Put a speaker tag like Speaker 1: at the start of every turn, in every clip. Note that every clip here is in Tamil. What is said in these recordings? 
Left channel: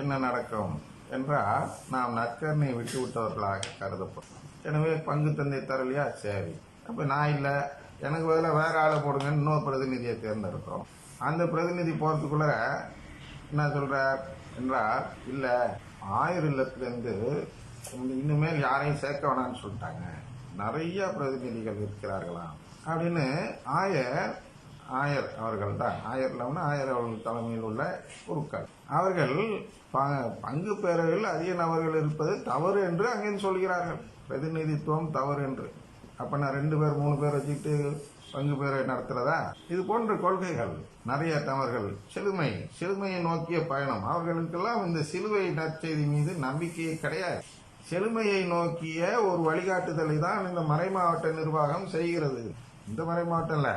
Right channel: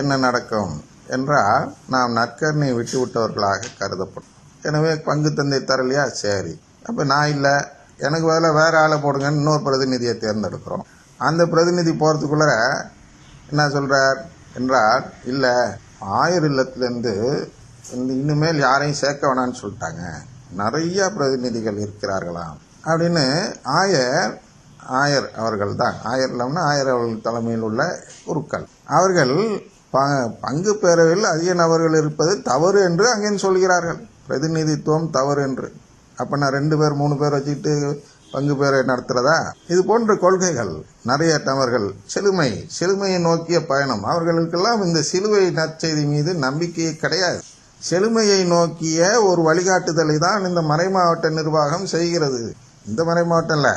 Speaker 1: என்ன நடக்கும் என்றால் நாம் நற்கரணை விட்டு விட்டவர்களாக கருதப்படும். எனவே பங்கு தந்தை தரலையா? சரி. அப்போ நான் இல்லை. எனக்கு வேலை வேறு ஆளை போடுங்கன்னு இன்னொரு பிரதிநிதியை தேர்ந்தெடுக்கிறோம். அந்த பிரதிநிதி போகிறதுக்குள்ள என்ன சொல்கிறார் என்றால் இல்லை ஆயர் இல்லத்துலேருந்து இனிமேல் யாரையும் சேர்க்க வேணாம்னு சொல்லிட்டாங்க. நிறையா பிரதிநிதிகள் இருக்கிறார்களாம். அப்படின்னு ஆயர் ஆயர் அவர்கள் தான் ஆயர் இல்லாமல் ஆயர் அவர்கள் தலைமையில் உள்ள குருக்கள். அவர்கள் பங்கு பேரவையில் அதிக நபர்கள் இருப்பது தவறு என்று அங்கேயும் சொல்கிறார்கள். பிரதிநிதித்துவம் தவறு என்று. அப்போ நான் ரெண்டு பேர் மூணு பேர் வச்சுக்கிட்டு பங்கு பேரை நடத்துகிறதா இது போன்ற கொள்கைகள் நிறைய நபர்கள் செழுமை செழுமையை நோக்கிய பயணம். அவர்களுக்கெல்லாம் இந்த சிலுவை நற்செய்தி மீது நம்பிக்கையே கிடையாது. செழுமையை நோக்கிய ஒரு வழிகாட்டுதலை தான் இந்த மறைமாவட்ட நிர்வாகம் செய்கிறது. இந்த மறைமாவட்டம் இல்லை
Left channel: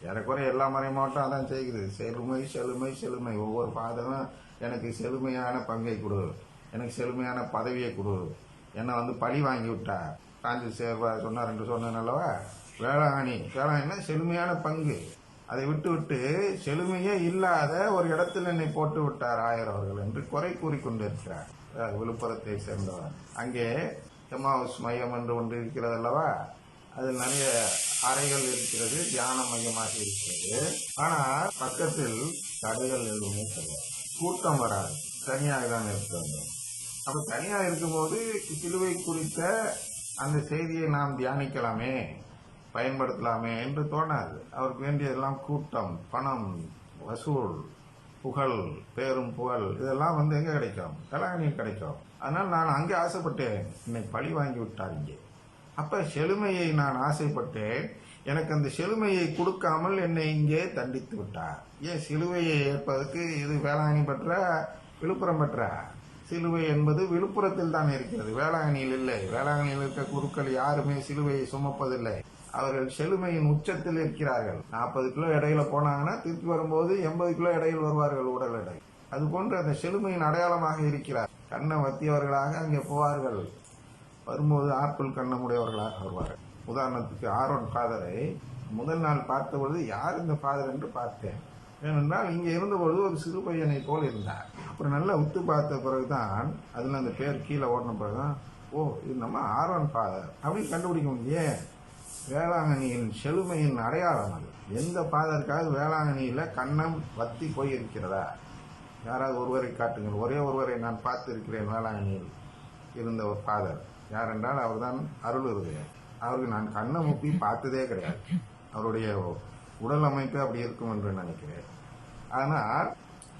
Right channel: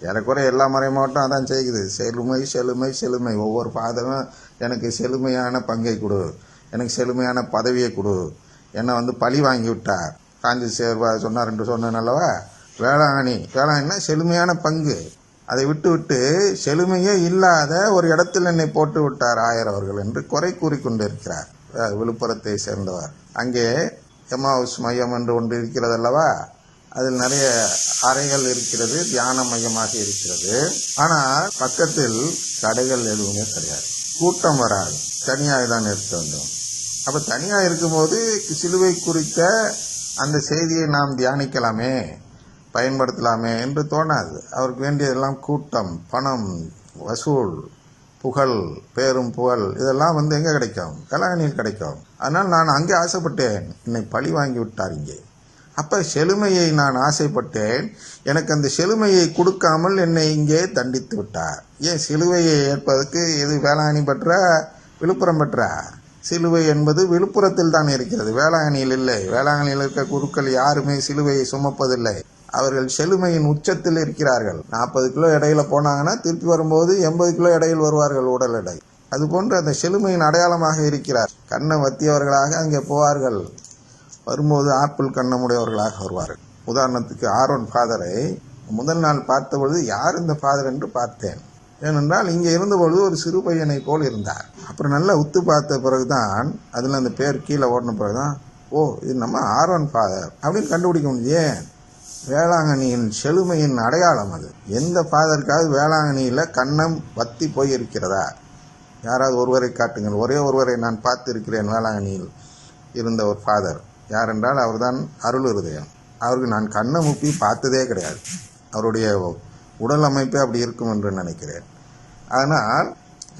Speaker 1: ஏறக்குறைய எல்லா மறைமாவட்டம் அதான் செய்யுது. செழுமை செழுமை செழுமை. ஒவ்வொரு பாதமும் எனக்கு செழுமையான பங்கை கொடு. எனக்கு செழுமையான பதவியை கொடு. என்னை வந்து பழி வாங்கி விட்டார் காஞ்சி சேவா சொன்னார் என்று சொன்னேன் அல்லவா? வேளாங்கண்ணி வேளாங்கண்ணினா செழுமையான பங்கு. அதை விட்டு விட்டு செழுமையே இல்லாத ஒரு இடத்தில் என்னை போட்டு விட்டார் ஆயர் அவர்கள் என்று குறை கூறிக்கொண்டிருக்கிறார். விழுப்புரத்தை சேர்ந்தவர். அங்கே எம்மாவுஸ் மையம் என்று ஒன்று இருக்கிறது அல்லவா? அதில் நிறைய அறைகள் இருக்கிறது தியான மையமாக இருக்கிறது. ஆனால் பக்கத்தில் கடைகள் எதுவுமே கிடையாது. கூட்டம் வராது. தனியாக தான் நிறுத்த வேண்டும். அப்போ தனியாக இருக்கும்போது சிலுவை குறித்த அந்த செய்தியை நாம் தியானிக்கலாமே பயன்படுத்தலாமே என்று தோணாது. அவருக்கு வேண்டியதெல்லாம் கூட்டம் பணம் வசூல் புகழ் பேரும் புகழ் இதெல்லாம் வந்து எங்கே கிடைக்கும்? கலாகணியில் கிடைக்கும். அதனால் நான் அங்கே ஆசைப்பட்டேன். என்னை பழி வாங்கி விட்டார் இங்கே. அப்போ செழுமையை நான் ஆசைப்பட்டேன். எனக்கு அந்த செழுமையை கொடுக்காமல் என்னை இங்கே தண்டித்து விட்டார். ஏன் சிலுவையை ஏற்பதற்கு எது வேளாங்கண்ணி பெற்ற விழுப்புரம் பெற்ற? சிலுவை என்பது விழுப்புரத்தில் தான் இருக்கிறது. வேளாங்கண்ணியில் இல்லை. வேளாங்கண்ணியில் இருக்க குருக்கள் யாருமே சிலுவையை சுமப்பதில்லை. அவர்கள் செழுமையின் உச்சத்தில் இருக்கிறார்கள். நாற்பது கிலோ இடையில போனாங்கன்னா திருப்பி வரும்போது எண்பது கிலோ இடையில் வருவார்கள் உடல் எடை. அதுபோன்று அந்த செழுமையின் அடையாளமாக இருக்கிறார். கண்ணை வத்தியவர்களாக அங்கே போவார்கள். வரும்போது ஆப்பிள் கண்ணமுடையவர்களாக வருவார்கள். உதாரணத்துக்கு ஆரோன் ஃபாதரை முதல் நாள் பார்த்த பொழுது யார் இந்த ஃபாதர் என்று பார்த்தேன். ஏனென்றால் இங்கே இருந்தபொழுது ஒரு சிறு பையனை போல் இருந்தார். அப்புறம் நல்லா உத்து பார்த்த பிறகுதான் அதில் அந்த பேர் கீழே ஓடின பிறகுதான் ஓ இது நம்ம ஆரோன் ஃபாதர். அப்படின்னு கண்டுபிடிக்க முடியே வேளாங்கண்ணியின் செழுமையின் அடையாளம் அது. எந்த ஃபாதருக்காவது வேளாங்கண்ணியில் கண்ணம் வத்தி போய் இருக்கிறதா யாராவது ஒருவரை காட்டுங்கள். ஒரே ஒருவரை நான் பார்த்திருக்கிறேன் வேளாங்கண்ணியில் இருந்த ஒரு ஃபாதர். யாரென்றால் அவர்தான் அருள் இருதயம். அவருக்கு நான் கண்ணை முப்பி பார்த்ததே கிடையாது. அவருடைய உடல் அமைப்பே அப்படி இருக்கும் என்று நினைக்கிறேன். ஆனால்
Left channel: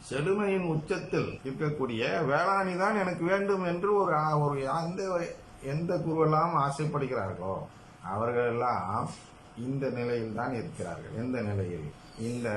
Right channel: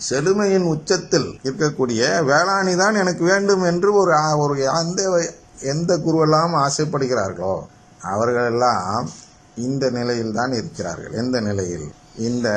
Speaker 1: செழுமையின் உச்சத்தில் இருக்கக்கூடிய வேளாணி தான் எனக்கு வேண்டும் என்று ஒரு ஒரு அந்த எந்த குருவெல்லாம் ஆசைப்படுகிறார்களோ அவர்களெல்லாம் இந்த நிலையில் தான் இருக்கிறார்கள். எந்த நிலையில்? இந்த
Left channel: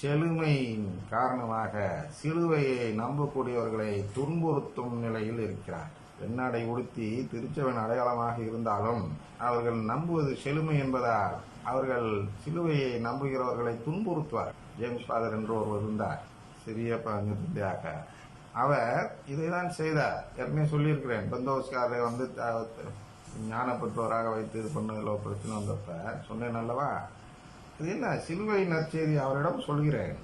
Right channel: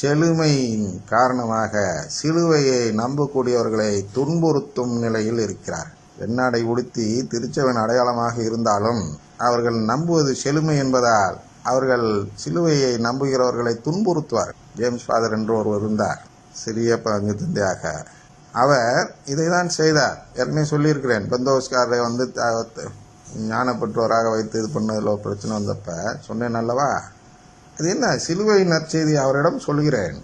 Speaker 1: செழுமையின் காரணமாக சிலுவையை நம்பக்கூடியவர்களை துன்புறுத்தும் நிலையில் இருக்கிறார்கள். வெண்ணாடை உடுத்தி திருச்சவன் அடையாளமாக இருந்தாலும் அவர்கள் நம்புவது செழுமை என்பதால் அவர்கள் சிலுவையை நம்புகிறவர்களை துன்புறுத்துவார் ஜேம்ஸ் ஃபாதர் என்று ஒருவர் இருந்தார். சிறிய பங்கு தந்தையாக. அவர் இதை தான் செய்தார். ஏற்கனவே சொல்லியிருக்கிறேன். பந்தோஸ்காரரை வந்து த- ஞானப்பற்றோராக வைத்து இது பண்ணதில் ஒரு பிரச்சனை வந்தப்ப சொன்னேன் அல்லவா? அது என்ன? சிலுவை நற்செய்தி அவரிடம் சொல்கிறேன்.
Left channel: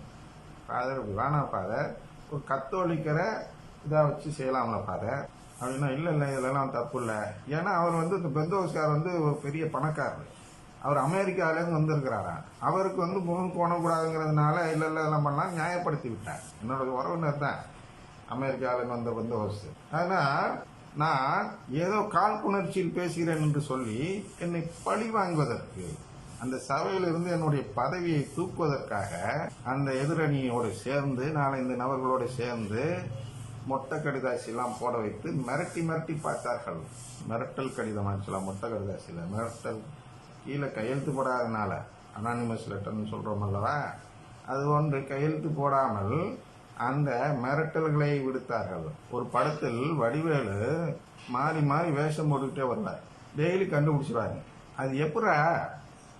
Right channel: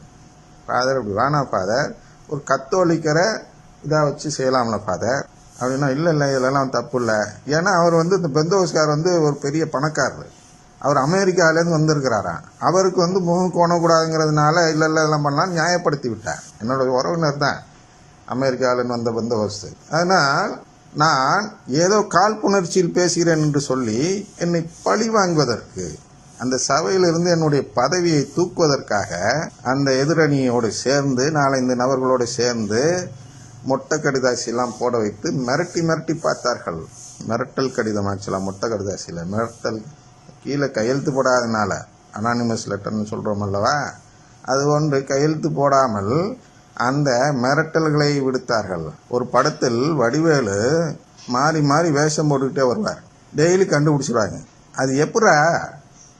Speaker 1: ஃபாதர் அப்படி வேணாம் ஃபாதர். ஒரு கத்தோலிக்கரை இதாக வச்சு செய்யலாம்ல ஃபாதர். அப்படின்னா இல்லை இல்லை இதெல்லாம் தப்பு இல்லை ஏன்னா அவர் வந்து இந்த பெந்தோஸ்கார் வந்து ஒரு பெரிய பணக்காரர். அவர் அமெரிக்காவிலேருந்து வந்திருக்கிறாராம் அவருக்கு வந்து முகம் கோணக்கூடாதுங்கிறதுனால இல்லை இல்லை இதெல்லாம் பண்ணலாம் நியாயப்படுத்தி விட்டார். என்னோட உறவினர் தான் அமெரிக்காவிலேருந்து வந்த பந்தோஸ்து அதனால் நான் ஏதோ காழ்ப்புணர்ச்சியில் பேசுகிறேன் என்று சொல்லி என்னை பழி வாங்குவதற்கு அந்த சபையிலிருந்து என்னுடைய பதவியை தூக்குவதற்காக அந்த எதிரணியோடு சேர்ந்து நாலஞ்சு நபர்களோடு சேர்ந்து மொட்டை கடிதாசிலாம் போட வைத்து மிரட்டி மிரட்டி பார்த்தார்கள். மிரட்டல் கடிதம் ஆச்சுலாம் மொட்டை கடிதாசியில். மிரட்டல் கீழே கையெழுத்து போடாதனால அனானிமஸ் லெட்டர்னு சொல்கிறோம் அல்லவா? அது ஒன்று கையெழுத்து போடாமல் அந்த மிரட்டல்களை விடுத்தார்கள். ஒரு படத்தில் வடிவேலு மாறி மாறி வேஷம் போட்டுக்கிட்டே வருவார். டெய்லி கண்டுபிடிச்சிடுவாங்க அது எப்படா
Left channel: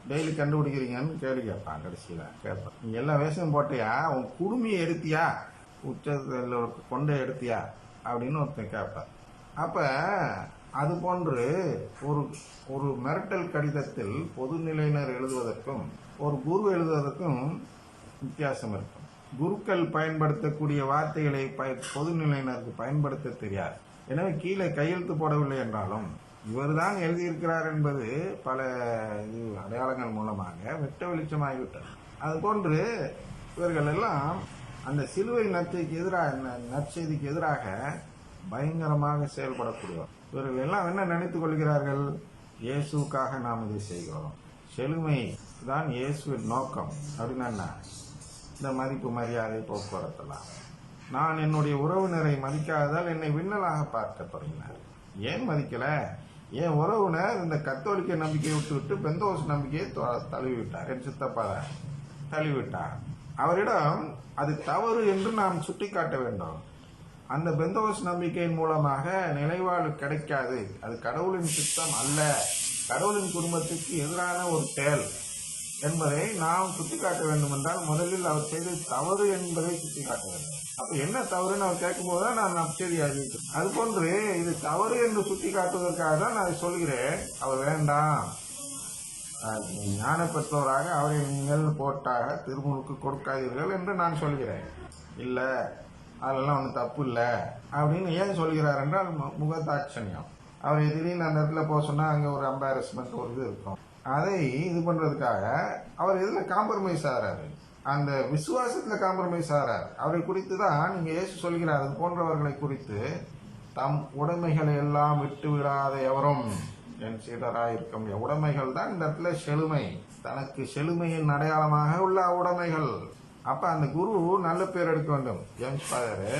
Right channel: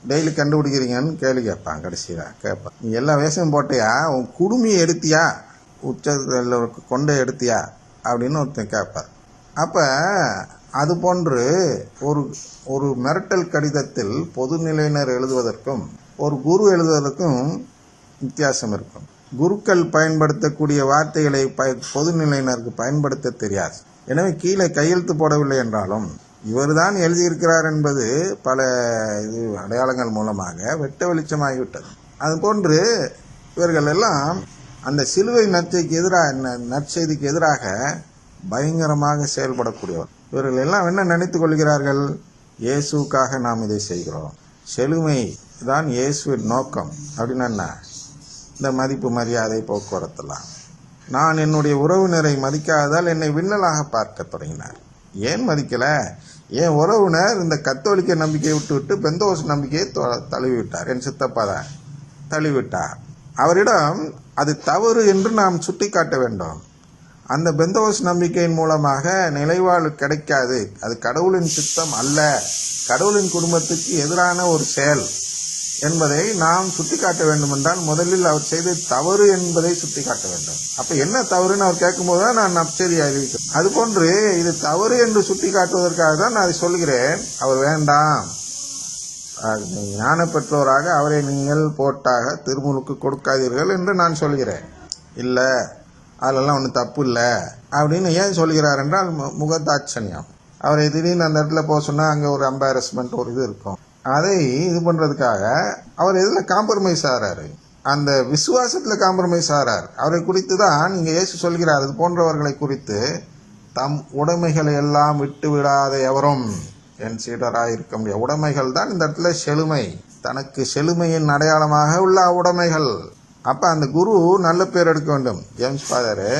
Speaker 1: டெய்லி கண்டுபிடிக்கிறீங்கன்னு கேள்வி கேட்பான் கடைசியில். கேட்பான் நீ எல்லா வேஷம் போட்டியா? உன் குடுமையை எடுத்தியா? உச்சத்தில் கொண்டை எடுத்தியா? அப்படின்னு ஒருத்தன் கேட்பார் அப்போ அது போன்று ஒரு ஒரு மிரட்டல் கடிதத்தில் பொதுநிலையினர் எழுதுவதற்கும் ஒரு குரு எழுதுவதற்கும் வித்தியாசம் இருக்கும். குருக்கள் பயன்படுத்தக்கூடிய வார்த்தைகளை ப பொதுநிலையினருக்கு பயன்படுத்த தெரியாது. எனவே கீழே கையெழுத்து போடவில்லை என்றாலும் இவர்தான் எழுதியிருக்கிறார் என்பது பல இது அடையாளங்கள் மூலமாக வெட்ட வெளிச்சமாகிவிட்டது. அதுபோன்று இவர்கள் எல்லாம் அந்த சிலுவை நற்செய்திக்கு எதிராக ந- நற்செய்திக்கு எதிராக பயங்கரமாக செயல்படக்கூடியவர். இவர்கள் எல்லாம் என்ன நினைத்து கொள்கிறார்கள்? இயேசுக்காக நாம் இதை செய்கிறோம். செழுமை தான் இயேசுவின் நோக்கம். அப்படின்னு என்ன? இந்த மதிப்பு மரியாதை போக்குவரத்துலாம் நான் என்னுடைய உறவினரை மதிக்காததால் என்னை விண்ணலாக பார்க்க தொடங்கினார். ஏன் மதிக்கலை? என் உறவினர் இந்த கத்தோலிக்க நம்பிக்கையை விட்டு விட்டு பெந்தோஸ் நம்பிக்கையை தொ- தழுவிவிட்டார். என் சித்தப்பா தான் தழுவிவிட்டார். அவரிடம் அது தவறு என்று நாம் சுட்டிக்காட்ட வேண்டும். அந்த பெந்தோஸ் நம்பிக்கையின் மூலமாக நிலைவாழ்வு கிடைக்காது. அது கடவுளின் சித்தம் அல்ல. கடவுளின் குடும்பத்துக்கு எதிரான ஒரு செயல் என்பதை நாம் சுட்டிக்காட்ட வேண்டும் என்றால் முதலில் அவர் செய்த தவறு என்பதை சுட்டிக்காட்ட வேண்டும். அப்ப என்ன தவறுன்னு அவர் கேட்கும்போது தான் நான் நப்சரி அறிவிக்கிறேன். அதுபோன்று இது தவறு என்று சுட்டிக்காட்டுவதற்காக தான் நான் அதை சொல்கிறேன். அவர் வேண்டாம். ஞான பெற்றோராக அவரை நீங்கள் போட்டாக திருமுழுக்கு கொடுக்காதீர்கள் என்று நான் சொல்கிறேன். இல்லை அதிலெல்லாம் ஒன்றும் தப்பு இல்லை அப்படின்னு ஏன் சொல்கிறார் என்றால் மு- முகதாட்சண்யம். அவரை திடீர்னு அந்த இடத்துல போக சொன்னால் அங்கே ஒரு அம்பாரஸ்மெண்ட் ஒரு இது இருக்கும். அதை இது பண்ணுறதுக்காக அவர் இதில் காம்ப்ரமைஸ் ஆகிறாரு அந்த விசுவாசத்தில் காம்ப்ரமைஸ் ஆகிறார் அவரை குறித்து தான் நீங்கள் இயேசு சொல்கிறார். அது போன்றவர்களை குறித்து தம் உடைமைகளை எல்லாம் விட்டு விடாத எவரும். என் சீடராக இருக்க முடியாது உடைமைகள் தான் இந்த இடத்துல செழுமை. தனக்கு செழுமையின் அடையாளமாக உள்ள உடைமைகள் அப்போ அந்த குரு நல்ல பேர் எடுக்க வேண்டும். ஜேம்ஸ் ஃபாதரு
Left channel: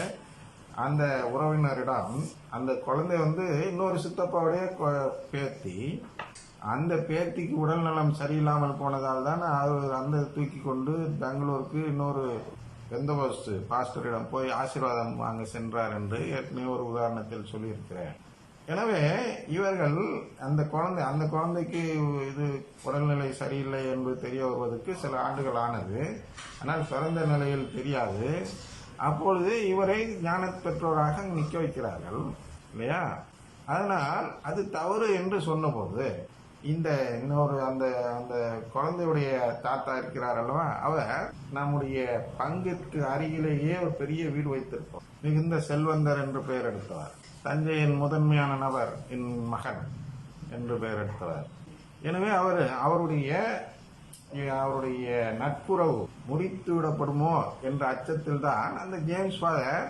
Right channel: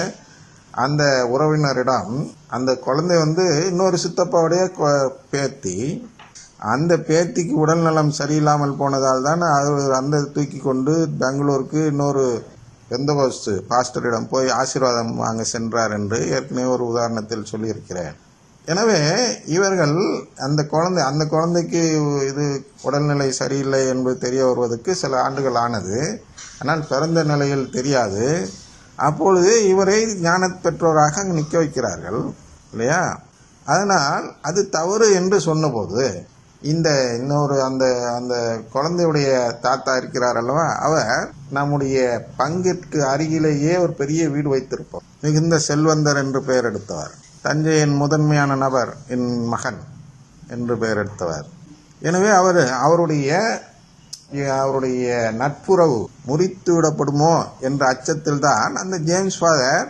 Speaker 1: அந்த உறவினரிடம் அந்த குழந்தை வந்து இன்னொரு சித்தப்பாவுடைய பேத்தி. அந்த பேத்திக்கு உடல்நலம் சரியில்லாமல் போனதால் தான் அவர் அந்த தூக்கி கொண்டு பெங்களூருக்கு இன்னொரு பெந்தகோஸ்து பாஸ்டரிடம் போய் ஆசீர்வாதம் வாங்க சென்றார் என்று ஏற்கனவே ஒரு உதாரணத்தில் சொல்லியிருக்கிறேன். எனவே இவர்கள் அந்த குழந்தை அந்த குழந்தைக்கு இது உடல்நிலை சரியில்லை என்பது தெரிய வருவதற்கு சில ஆண்டுகள் ஆனது. ஆனால் பிறந்த நிலையில் தெரியாது. அப்பொழுது இவரை ஞான பெற்றோராக நிற்க வைக்கிறார்கள் இல்லையா? அதனால் அது தவறு என்று சொன்னபோது இந்த இன்னொரு அந்த அந்த குழந்தையுடைய தாத்தா இருக்கிறார் அல்லவா? அவர் நம்முடைய பங்கிற்கு அருகிலேயே ஒரு பெரிய வீடு வைத்திருப்போம். மிகுந்த செல்வந்தர் என்று பெயர் எடுத்தவர். தஞ்சையின் முதன்மையான நபர் என் மகன் என்று பெயர் எடுத்தவர் எனவே அவர் அவருடைய அவருடைய நட்புறவு முறித்து விடப்படுமோ என்ற அச்சத்தில் தான் அந்த ஜேம்ஸ் ஃபாதர்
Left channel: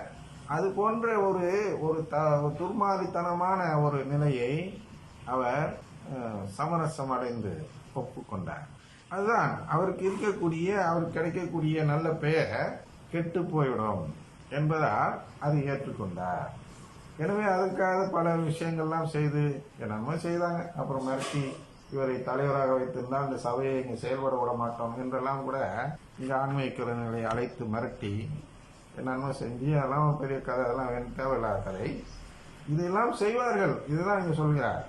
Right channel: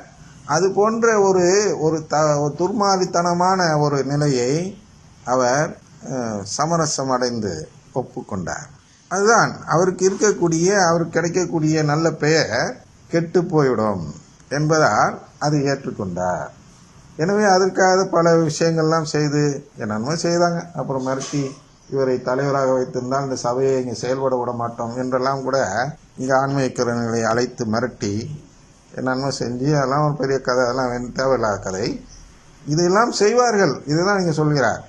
Speaker 1: அது போன்ற ஒரு ஒரு த ஒரு துர்மாதித்தனமான ஒரு நிலையை அவர் சமரசம் அடைந்து ஒப்புக்கொண்டார். அதுதான் அவருக்கு இருக்கக்கூடிய அவருக்கு கிடைக்கக்கூடிய நல்ல பெயர் கெட்டு போய்விடும் என்பதால் அதை ஏற்றுக்கொண்டார். எனவே அதற்காக பல விஷயங்கள்லாம் செய்து என்னென்னமோ செய்தாங்க. அப்புறம் மிரட்டி இவரை தலைவராக வைத்திருந்தால் இந்த சபையை இங்கே செயல்பட விட மாட்டோம் என்றெல்லாம் கூட இங்கே ஆன்மீகரங்களை அழைத்து மிரட்டி என்னென்னமோ செஞ்சு அதெல்லாம் ஒரு பெரிய கதை அதெல்லாம் தேவையில்லாத கதை. இதெல்லாம் செய்வார்கள். இதுதான் நீங்கள் சொல்கிறார்.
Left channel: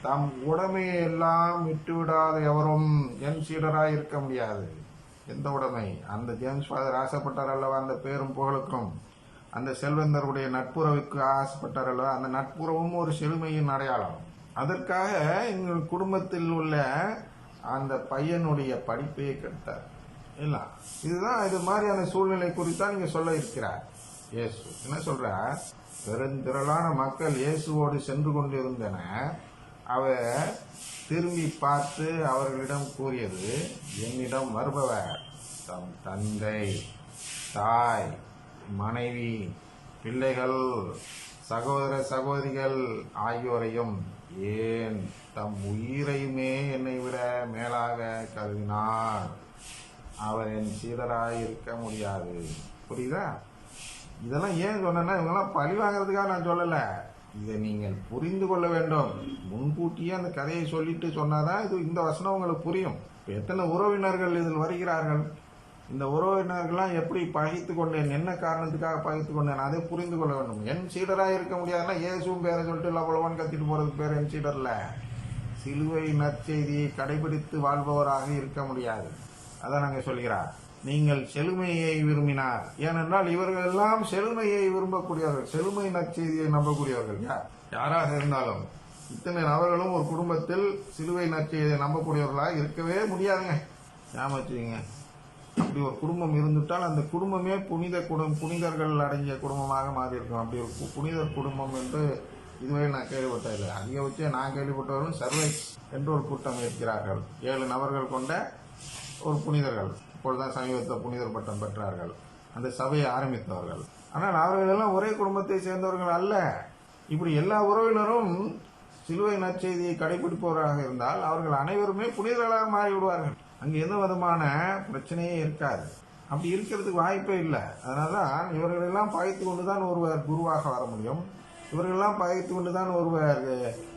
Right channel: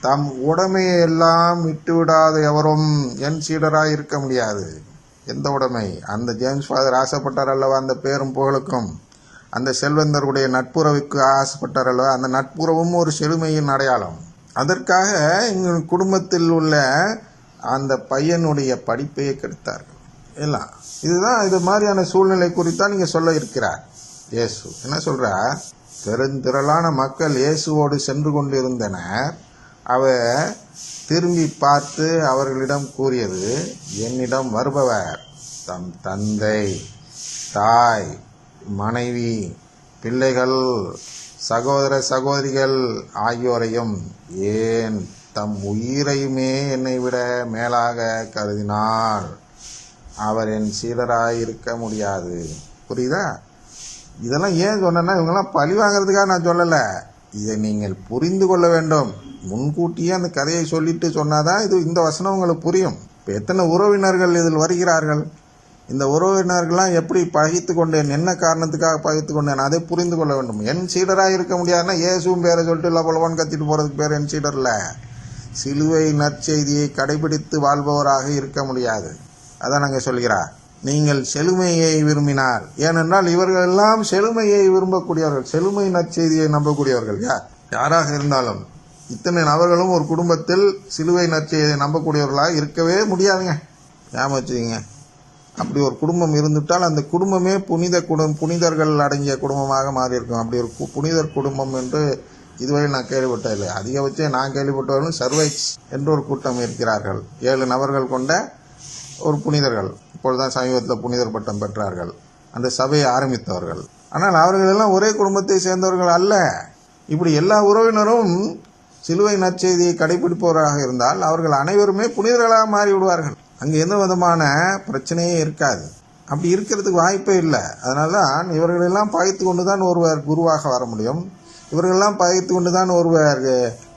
Speaker 1: தம் உடமையெல்லாம் எல்லாம் விட்டு விடாத எவரும் என் சீடராக இருக்க முடியாது. எந்த உடைமை? அந்த ஜேம்ஸ் ஃபாதர் ஆசைப்பட்டார் அல்லவா அந்த பேரும் புகழுக்கும்? அந்த செல்வந்தருடைய நட்புறவுக்கு ஆசைப்பட்டார் அல்லவா அந்த நட்புறவும் ஒரு செழுமையின் அடையாளம். அதற்காக எங்கள் குடும்பத்தில் உள்ள அந்த பையனுடைய படிப்பையே கெடுத்தார். எல்லாம் இதுதான் இது மாதிரியான சூழ்நிலை குறித்தான் நீங்கள் சொல்ல இருக்கிறார். இயேசு. என்ன சொல்கிறார் பெருந்திரளான மக்கள் இயேசுவோடு சென்று கொண்டிருந்தனர். அவர் திரும்பி பார்த்து அவர்களிடம் கூறியது என்னிடம் வருபவர் தம் தந்தை தாய் மனைவி பிள்ளைகள் சகோதர சகோதரிகள் ஆகியோரையும் ஏன் தம் உயிரையுமே என்னை விட மேலாக கருதினார்? அவர் என் சீடராய் இருக்க முடியாது. புரியுதா? இதெல்லாம் ஏன் சொன்னேன்னா இவங்கெல்லாம் பழி வாங்கிறதுக்காக நான் சொல்லலை. இதை நீங்கள் புரிந்து கொள்ள வேண்டும். முன்கூட்டியே அந்த கதையை சொல்லிட்டு சொன்னாதான் இது இந்த வசனம் உங்களுக்கு புரியும். இப்போ எத்தனை உறவினர்கள் இதில் வருகிறார்கள்? இந்த உறவினர்கள்லாம் எப்படி பகைத்து கொண்டேன் என்ன காரணத்துக்காக பகைத்து கொண்டேன் அதை புரிந்து கொள்ள வேண்டும். என் சீடராக இருக்க முடியாதுன்னா இயேசுவும் பேரை சொல்லிட்டு லபலவான் கத்திட்டு போகிறதுக்கு பேர் என் சீடரில் சிலுவை நற்செய்தியை கடைபிடித்து வாழ்பவராக இருக்க முடியாது. அதான் நாங்கள் சொல்கிறார் நீங்கள் செழுமையை விரும்பினார் ஏனென்றால் இவர்கள் எல்லாம் செழுமையை விரும்பக்கூடியவர்கள். செழுமை நற்செய்தியை நம்பக்கூடியவர்கள். யார் யாராக இருந்தாலும் இத்தனை நபர்களும் ஒரு குடும்பத்தில் சிலுவை நற்செய்தியை நம்பக்கூடியவர்களாக இருக்கவே முடியாதுங்க. ஞாபகம் வச்சுக்கோங்க. அப்படி ஒரு குடும்பம் இருந்துவிட்டால் அந்த குடும்பமே புனித குடும் புனிதர்கள் அடங்கிய குடும்பமாக மாறியிருக்கும். அப்படி ஒரு புனிதர் குடும்பம் என்று இதுவரை நான் கேள்விப்பட்டதில்லை. அதிகபட்சம் நான் கேள்விப்பட்டவர்கள் சர்வைஸ் என்று ஒரு கூட்டம் இருக்கிறார்கள். ஏழு நபர்கள் கொண்ட ஒரு புனிதர்கள். இப்பொழுதுதான் சமீபத்தில் புனிதர் பட்டம் பெற்றார்கள். அந்த சபையை ஆரம்பித்தவர்கள். ஆனால் அவர்கள் எல்லாம் ஒரே குடும்பத்தை சேர்ந்தவர்கள் அல்ல. இப்படி எல்லா உறவினரும் சிலுவை நற்செய்தியை கடைபிடிப்பவராக இருந்தால் அவர்கள் அனைவருமே புனிதர்களாக மாறிவிடுவார்கள். அங்கே எந்த விதமான பிரச்சனையே இருக்காது. அப்படி இருக்கிறதுக்கு வாய்ப்பே இல்லை. அதனால தான் இவர்களெல்லாம் பகைத்து கொண்டு தான் ஒருவர் குருவாக வர முடியும். இவர்களெல்லாம் பகைத்து கொண்டு தான் ஒருவர்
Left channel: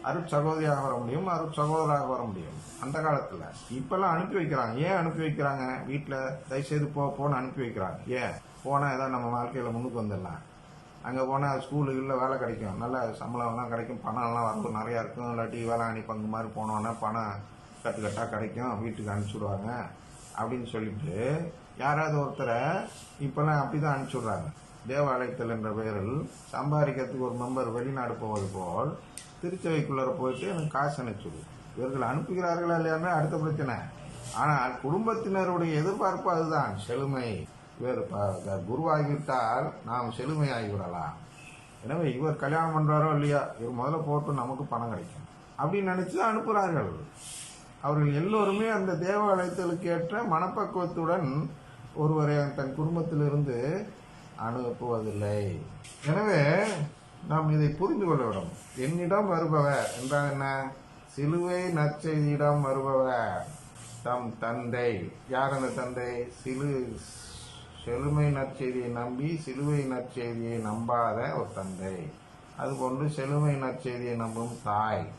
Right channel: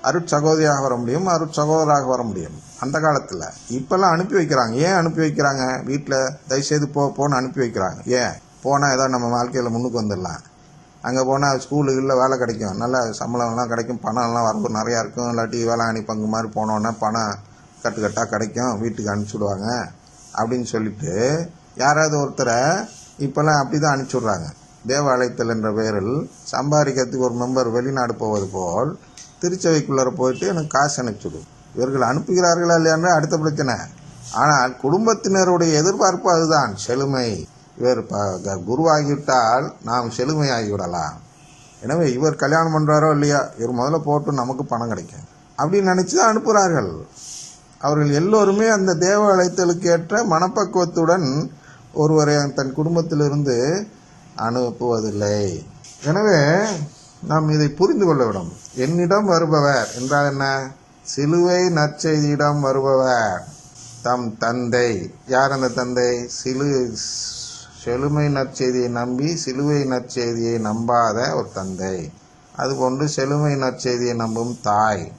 Speaker 1: அருட்சகோதரியாக வர முடியும் அருட்சகோதராக வர முடியும். அந்த காலத்தில் இப்போல்லாம் அனுப்பி வைக்கிறாங்க. ஏன் அனுப்பி வைக்கிறாங்க? வீட்டில் தயவுசெய்து போ போன்னு அனுப்பி வைக்கிறாங்க. ஏன்? போனால் ஏதோ நம்ம வாழ்க்கையில் முன்னுக்கு வந்துடலாம். அங்கே போனால் ஸ்கூலுகளில் வேலை கிடைக்கும். நல்ல சம்பளம்லாம் கிடைக்கும். பணம்லாம் வரப்போ நிறையா இருக்கும். இல்லாட்டி வேளாங்கண்ணி பங்கு மாதிரி போனோன்னா பணம் கட்டுக்கட்டாக கிடைக்கும் வீட்டுக்கு அனுப்பிச்சி விடுவாங்க அப்படின்னு சொல்லிட்டு யாராவது ஒருத்தரை இப்போல்லாம் அப்படி தான் அனுப்பிச்சி விட்றாங்க தேவாலயத்தில் என்ற பெயரில் சம்பாதிக்கிறதுக்கு ஒரு மெம்பர் வெளிநாடு போவது போல் திருச்சபைக்குள்ளார போயிட்டு எனக்கு காசு அனுப்பிச்சுடும் இவர்கள் அனுப்புகிறார்களா இல்லையான்னு அடுத்த பிரச்சனை. ஆனால் குடும்பத்தினருடைய எதிர்பார்ப்பு அதுதான். செழுமை. இவர் க- குருவாகிவிட்டால் நாம் செழுமையாகிவிடலாம். எனவே இவர் கல்யாணம் பண்ணுறாரோ இல்லையா இவர் முதல்ல போட்டு நமக்கு பணம் கிடைக்கும். அப்படின்னு நினச்சி தான் அனுப்புகிறார்கள் அவர்கள் எல்லோருமே அந்த தேவ அழைத்தலுக்கு ஏற்ற மனப்பக்குவத்துடன் ஒருவரை தன் குடும்பத்திலிருந்து அனுப்புவதில்லை. எனவே நாம் இதை புரிந்து கொள்ள வேண்டும். என்னிடம் வருபவர் என்றால் என்ன? சிலுவை நற்செய்தியிடம் வருபவர். தம் தந்தை. யார் அந்த தந்தை? சிலு செழுமை நற்செய்தியை நம்பி சிலுவை நற்செய்தியை நம்பாத ஒரு தந்தை. அதுபோன்று செழுமை நற்செய்தியை நம்பும் தாய்.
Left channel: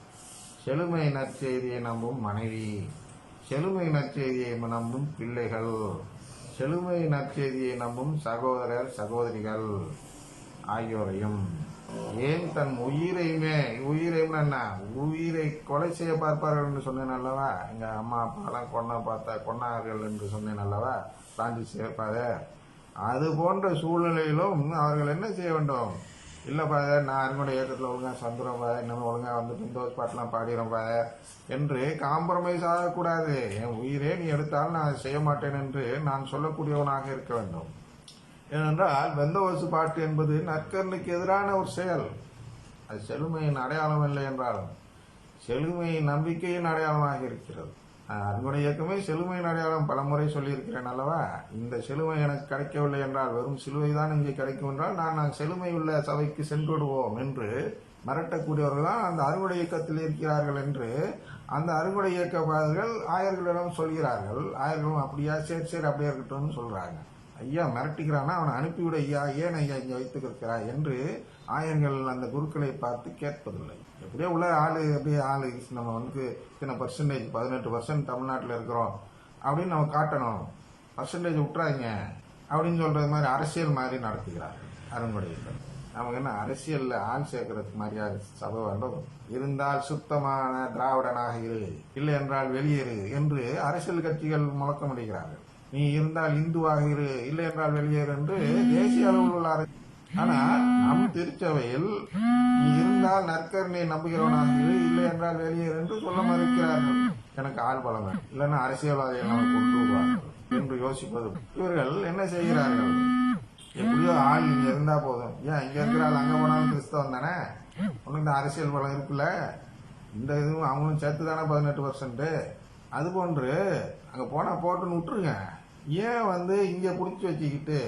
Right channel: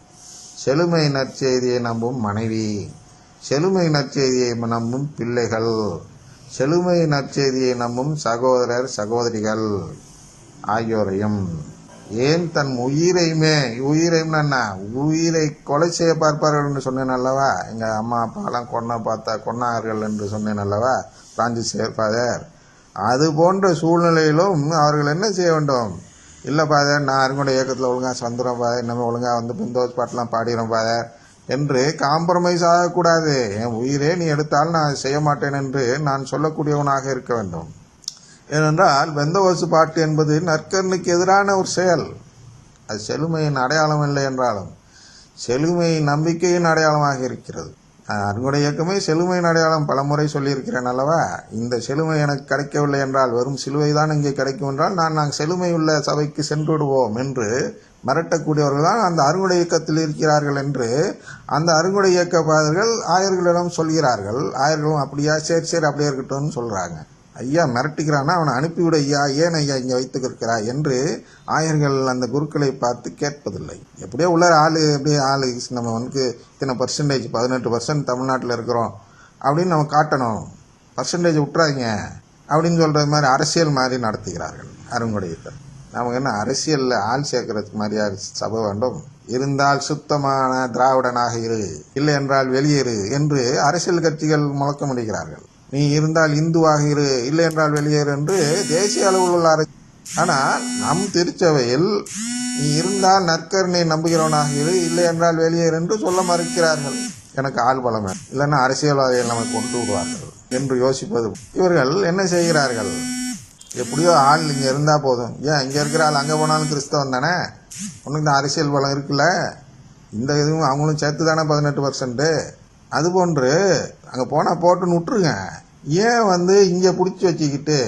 Speaker 1: செழுமை நற்செய்தியை நம்பும் மனைவி. செழுமை நற்செய்தியை நம்பும் பிள்ளைகள். செழுமை நற்செய்தியை நம்பும் சகோதரர் சகோதரிகள் ஆகியோரையும். ஏன் தன் உயிரையுமே உயிரையும் என்ன? உயிரை கொலை செய்ய பார்ப்பார்கள் என்று சொன்னேன் அல்லவா? எங்கள் அம்மா அப்பாலாம் கொன்ன பார்த்தா கொன்னார்கள் என்று சொன்னேன் அல்லவா? பிரான்சிஸ் சேர்ப்பாதர் அது போன்ற சூழ்நிலையிலும் அவர்கள் என்ன செய்ய வேண்டும்? இல்லை பாதர் நான் அருங்கோட இயக்கத்தில் ஒழுங்காக சந்துரம் பாதர் நம்ம ஒழுங்காக வந்து பிந்தோஸ் பாட்டெலாம் பாடிடும் பாதர் என்று காம்ப்ரமைஸ் ஆகக்கூடாது. என் உயிரே நீ எடுத்தால் நான் செய்ய மாட்டேன் என்று நான் சொல்லக்கூடியவனாக இருக்க வேண்டும். ஏனென்றால் வெந்தவசு பாட்டு என்பது நற்கண்ணுக்கு எதிரான ஒரு செயல். அது செழுமையின் அடையாளம் இல்லை என்றாலும் செழுமையின் நம்பிக்கையின் அடையாளமாக இருக்கிறது. அறுவடை இயக்கமே செழுமையின் அடையாளம் பலமுறை சொல்லியிருக்கிறேன் அல்லவா? இந்த செழுமை எனக்கு கிடைக்கவில்லை என்றால் வெறும் சிலுவை தான் இங்கே கிடைக்கும் என்றால் நான் நாங்கள் செழுமை உள்ள சபைக்கு சென்று விடுவோம் என்று மிரட்டக்கூடியவர்கள் தான் அந்த அறுவடை இயக்கத்தில் இருக்கிறார்கள் என்று அந்த அறுவடை இயக்க பாதர்கள் ஆயர்களிடம் சொல்கிறார்கள். ஆயர்களும் அப்படியா? சரி சரி அப்படியே இருக்கட்டும்னு சொல்கிறாங்க ஐயா மிரட்டுகிறானா அவனை அனுப்பிவிட ஐயா. ஏன் ஐயா இங்கே வைத்துக்கிருக்கிறாய் என்று ஆயர்கள் அந்த குருக்களை பார்த்து கேட்பதில்லை. எப்படியோ உள்ள ஆள் எப்படியே ஆள் நம்ம வந்து இத்தனை பர்சன்டேஜ் பதினெட்டு பர்சன்ட் தமிழ்நாட்டில் இருக்கிறோம். அப்படின்னு நம்ம காட்டணும். பர்சன்டேஜ் விட்டுறாங்க அப்படின்னு சொல்கிறது மாதிரி அரசியல் மாதிரி நடத்துகிறார்கள் அருங்குடையிட்ட நமக்கு என்ன அரசியலில் ஆள் சேர்க்கறதுக்கு மாதிரியா சபை வேண்டும்? இருந்தால் சுத்தமான திராவிடனாக இரு. இல்லை என்றால் வெளியேறு என்று அரசியல் கட்சிகள் முழக்கமிடுகிறார்கள். நீ இருந்தால் இந்துவாக இரு இல்லை என்றால் வெளியேறு என்று தேசிய அளவில் உள்ள அரசு ஆனால் நம் திருச்சபையில் நீ இருந்தால் நற்கருணை நம்புகிறவனாக இரு இல்லை என்றால் வெளியேறு என்று சொல்ல மறுக்கிறார்கள். எனக்கு ஆள் பலம். வேணும் இல்லைன்னா அரசியல்வாதிகள் நம்மை கொண்டு விடுவார்கள் என்று யோசிப்பது. இவர்கள் என்ன செய்கிறார்கள்? எப்படியோ ஆள் இங்கே இருந்தால் போதும். ஏன் இங்கே இருக்கிற ஆள் அங்கே போனாலும் கிறிஸ்தவன் தானே? உனக்கு தான் அரசியல் பலம் இருக்குல்ல? இந்த இதுவும் அவங்களும் சேர்த்து தானே பதினெட்டு பர்சன்ட்டு அதுபோன்று அங்கே போனால் போட்டுன்னு விட்டுருங்க. ஏன் வந்து இங்கே பிடிச்சி வச்சுக்கிட்டு?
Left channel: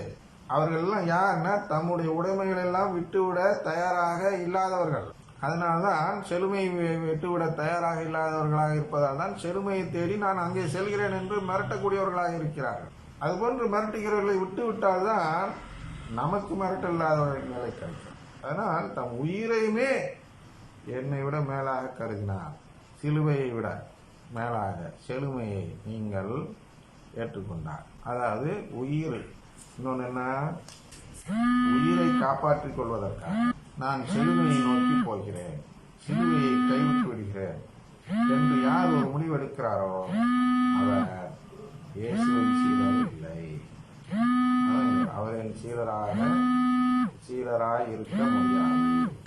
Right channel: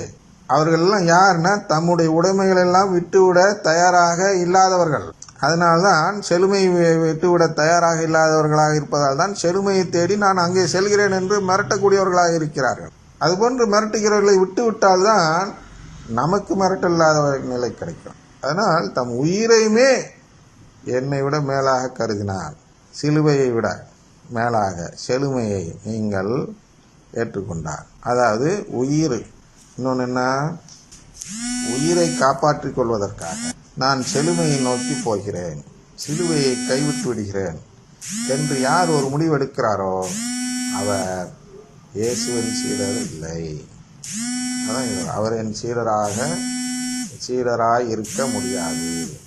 Speaker 1: அவர்களெல்லாம் யாருன்னா தம்முடைய உடைமைகளெல்லாம் விட்டுவிட தயாராக இல்லாதவர்கள். அதனால்தான் செழுமை விட்டுவிட தயாராக இல்லாதவர்களாக இருப்பதால் தான் செழுமையை தேடி நான் அங்கே செல்கிறேன் என்று மிரட்டக்கூடியவர்களாக இருக்கிறார்கள். அதுபோன்று மிரட்டுகிறவர்களை விட்டு விட்டால்தான் நமக்கு மிரட்டல்லாத நிலை கிடைக்கும். அதனால் தம் உயிரையுமே என்னை விட மேலாக கருதினார் சிலுவையை விட மேலாக செழுமையை நீங்கள் ஏற்றுக்கொண்டார். அதாவது உயிர் இன்னொன்று என்ன? உயிரை காப்பாற்றிக் கொள்வதற்காக நான் செழுமையை நோக்கி போகிறேன். சிலுவையை கைவிட்டு விடுகிறேன். என்று யார் ஒரு முடிவெடுக்கிறாரோ அவர் இயேசுவின் சீடர் இல்லை. அதான் அவர் என் சீடராக சீடராக இருக்க முடியாது.